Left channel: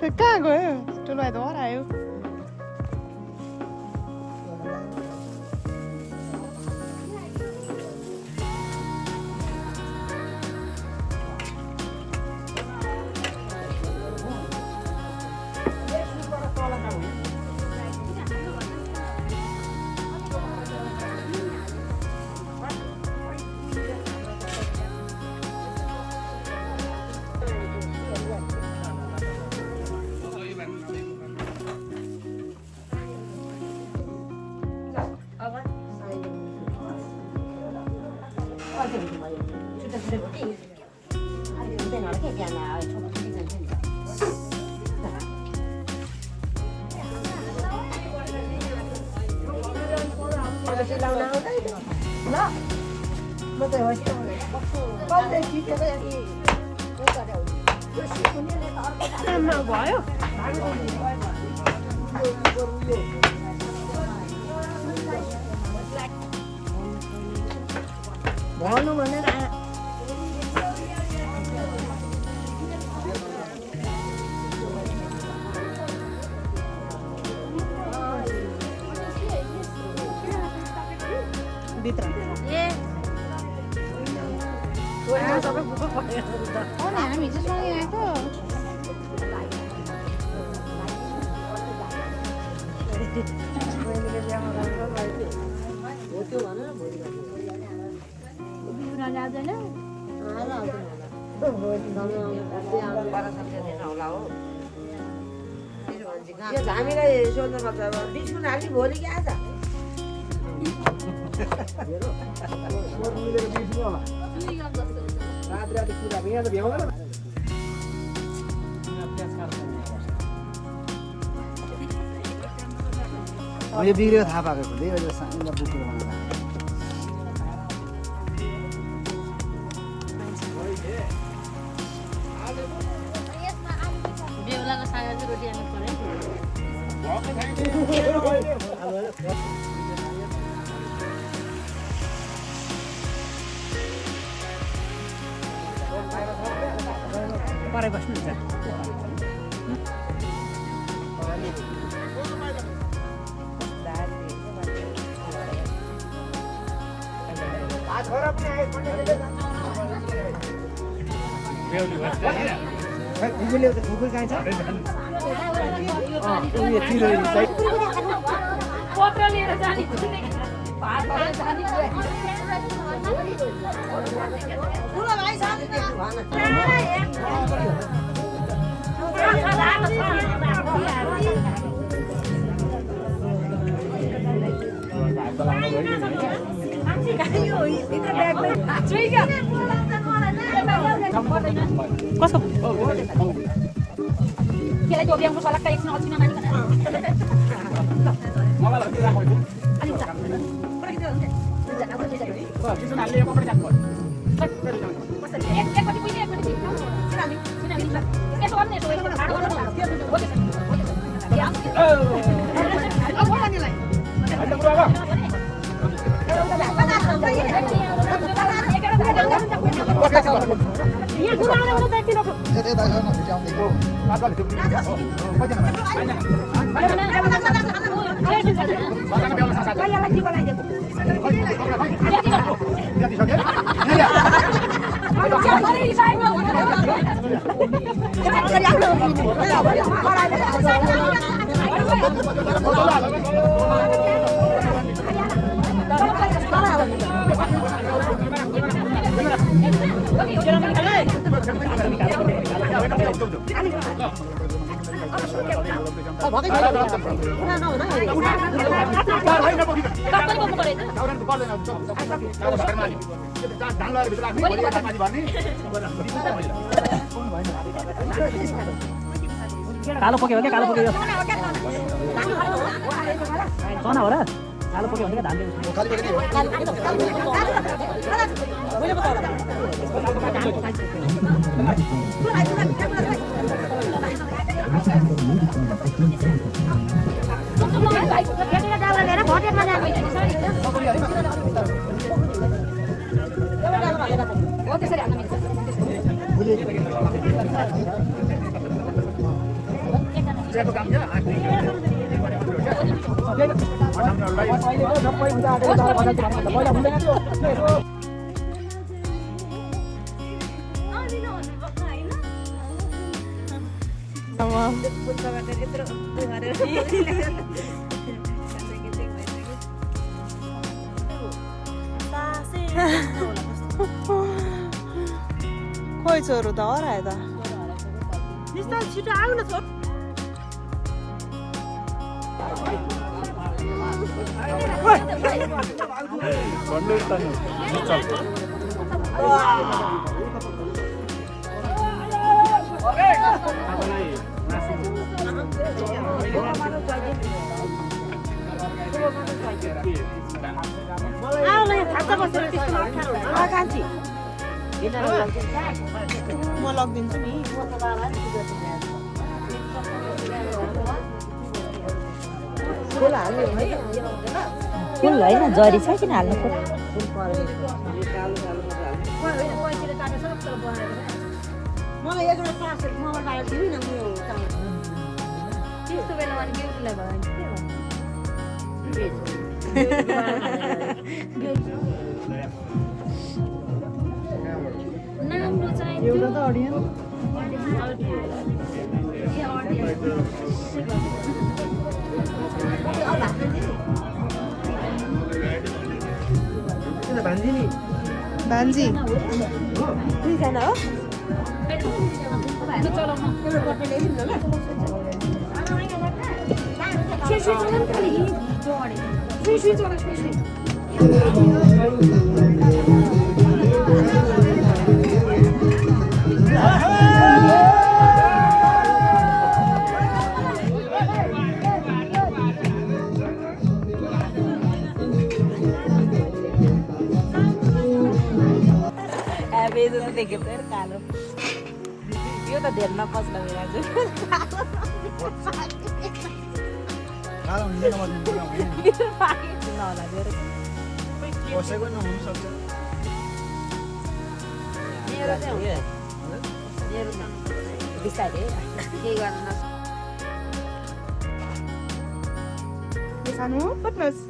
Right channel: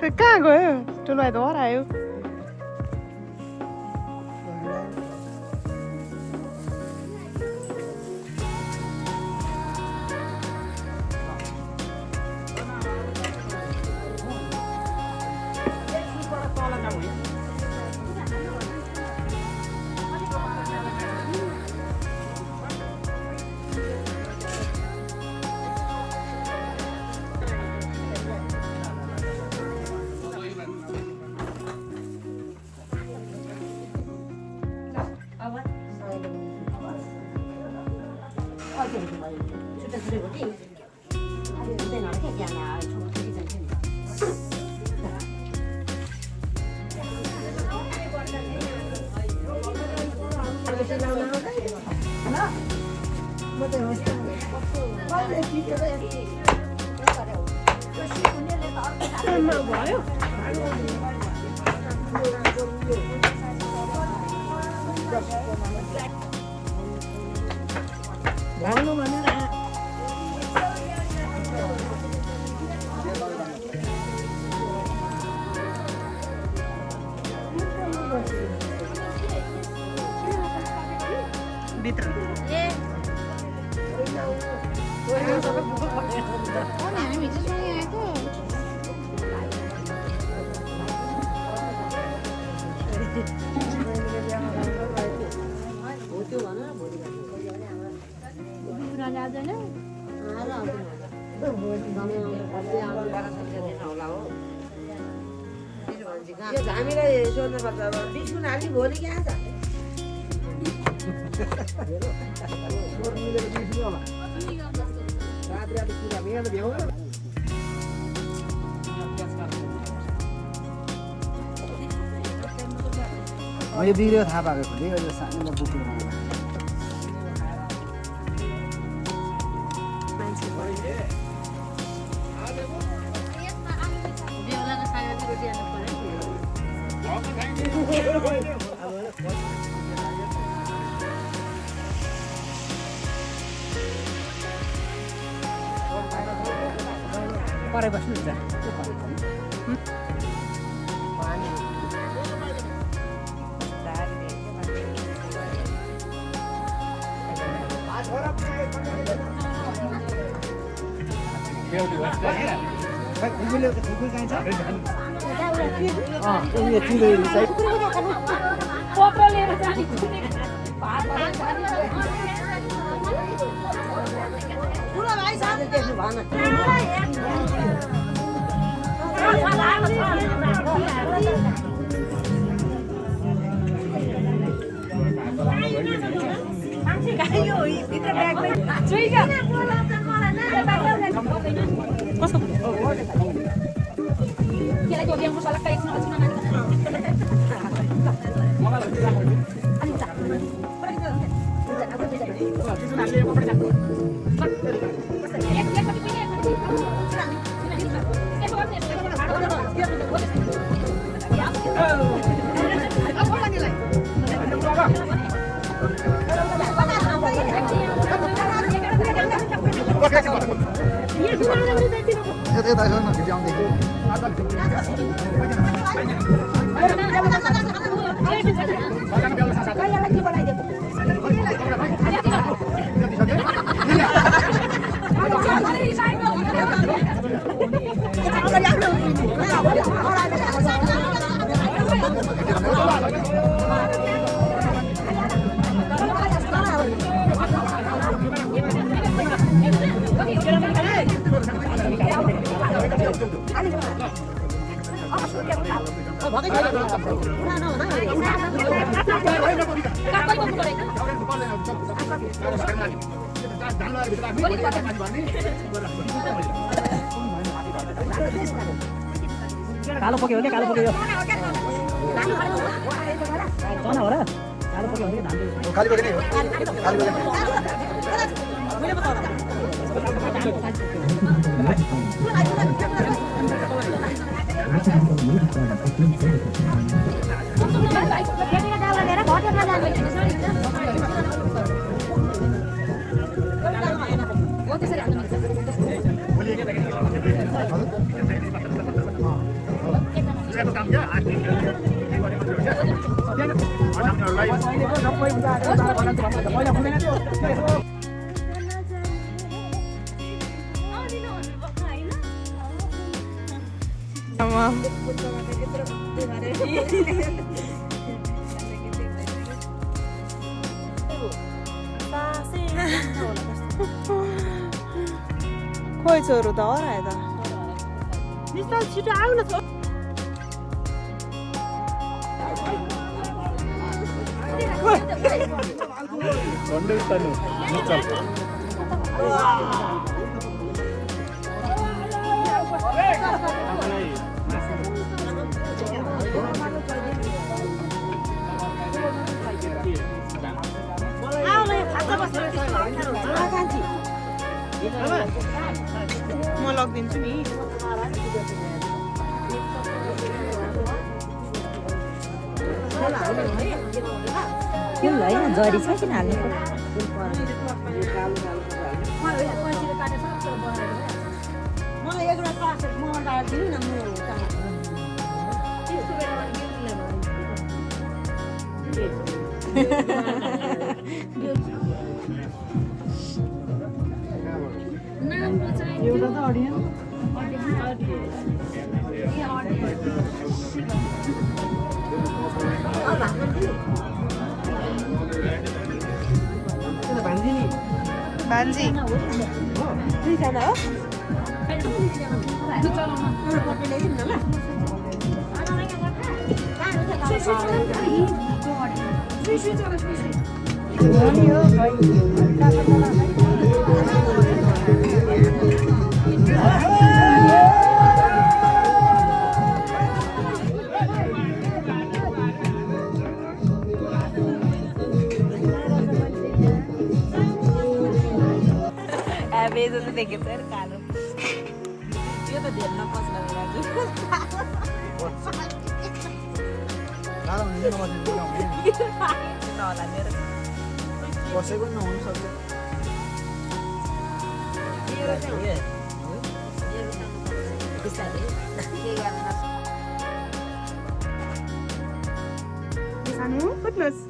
Thế kहाँ गयो ठुलो भाइ त हरायो भयो भन्नु भनेर भित्र ए सबै बुक पढेर हुन्छ हो नि हामी हिजो सँगै आएको हो त्यो भन न भोलि जाँदैन हामीलाई सोध्नु पर्छ अब बिस्कुट हाल्ने भोलि क्या आज यो बिग्रियो थाहा पाएको खुले सानो बुक बनाउँदा परे बस्नुहुन्छ पत्र लिएर जाने कसको त्यसलाई त्यो ब्याङ्कको सलक्क एकछिन अछिन मान्छ कालो पक्यो क्या कालो पक्यो तना हो र कालो पक्यो भने धान खाली पक्यो नि हो खाली खोइ छोरो त हरायो त छिटो आउ न म लगिदिन्छु नि फुल होइन जरी छ किन हाल्नु एउटा त अडियन भान्जी नि भान्जी दुईजना हो यो त धेर नपस्ला मेरो कसैको नहुनु सक्छ खानु कुट्नुहोस्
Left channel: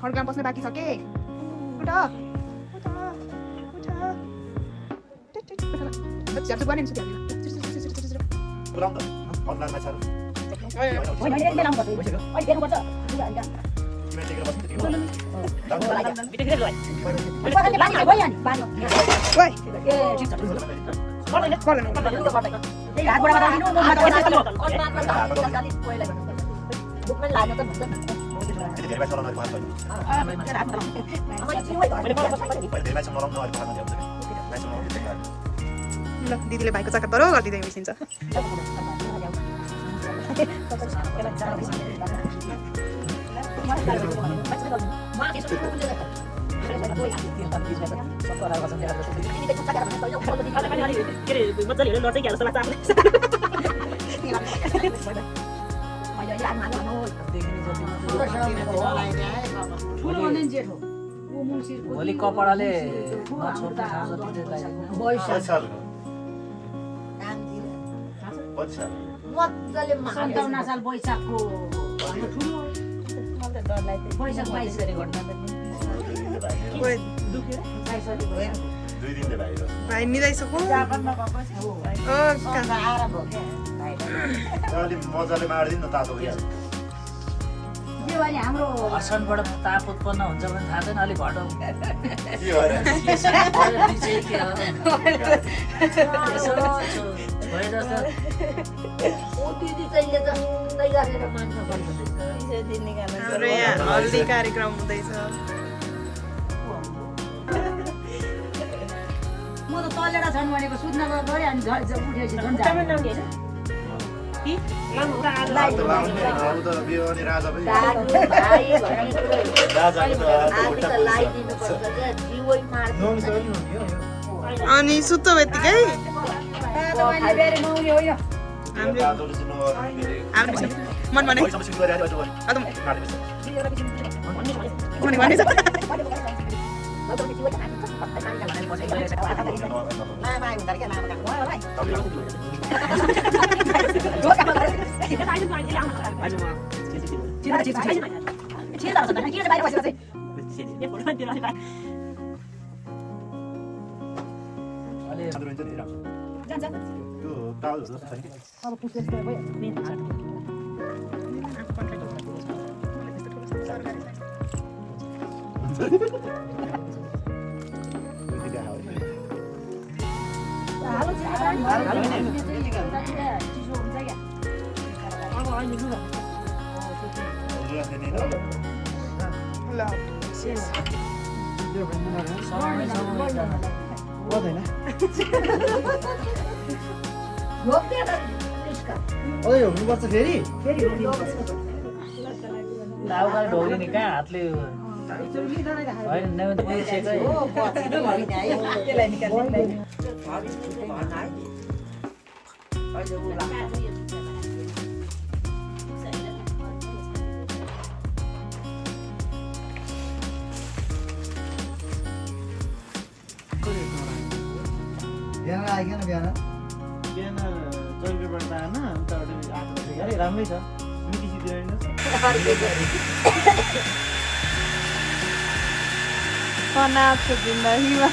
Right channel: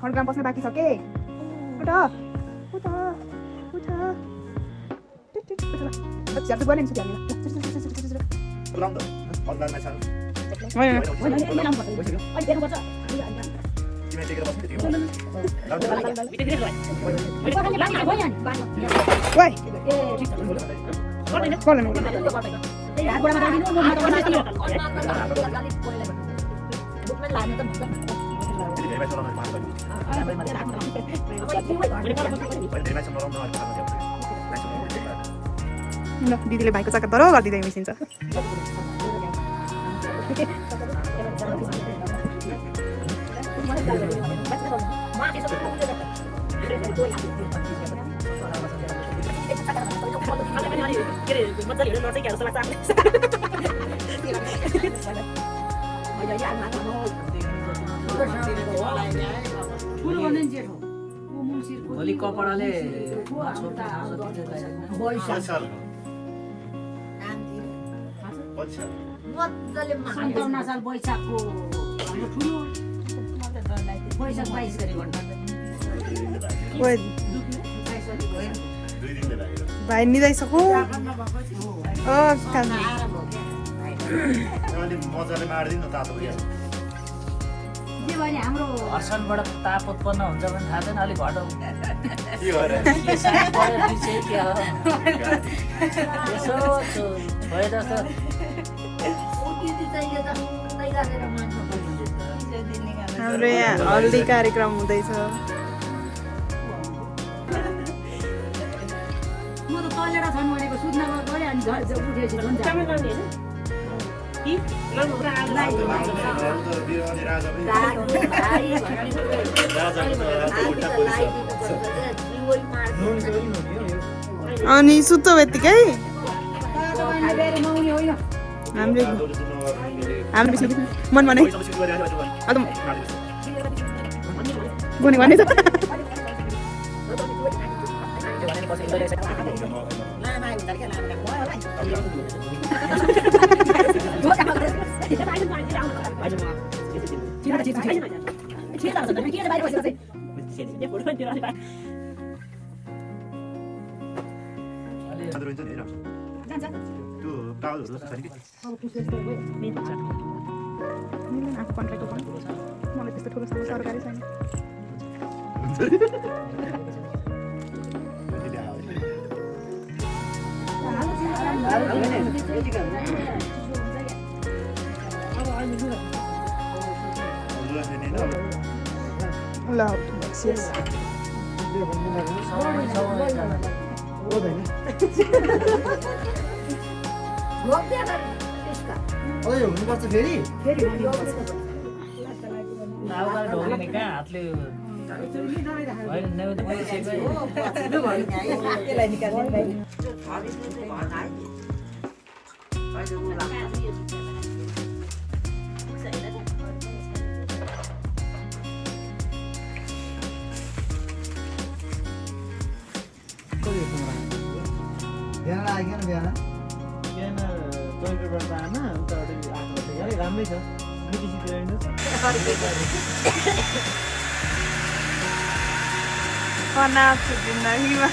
खड्कामा बस्न बाँकी छ के उठ उठ उठ झ्याप्चुप गर्ने दिदीले भाइको चक्कर तर गरिदिँदै मिसिन्छ भोलि कपडाले सन्ताउन्न साल वैशाखको वैशाख 22 गरी भाइ मिलाइसक्नु मजाले मार्दिन न तातो हाम्रो हर्षणबाट ताप उत्पन्न हुन्छ भने थाहा छैन अलिक घटाउ हल्दी कार्यक्रम हुँदैछ म त तलेर छन् भनेको सुत्न गयो अनि घर उठेपछि झन् अनि सुत्तो यतिकै मन भने भने अब पुस्ने जस्तो भयो आफू कन्ट्रीको भयो मलाई त्यस्तो ठुलो ठुलो तरकारी छैन ल अझै हुनुपर्छ फेरि ढोगिने कहाँ हातले होइन नभए त मैले सोचेँ बिहान आइकन बिहान बिहान चौकीबाट आएन उताबाट 8 बजे अरे राम्रै छ मिटिसीतिर अनाथ छ जिन्दगीमा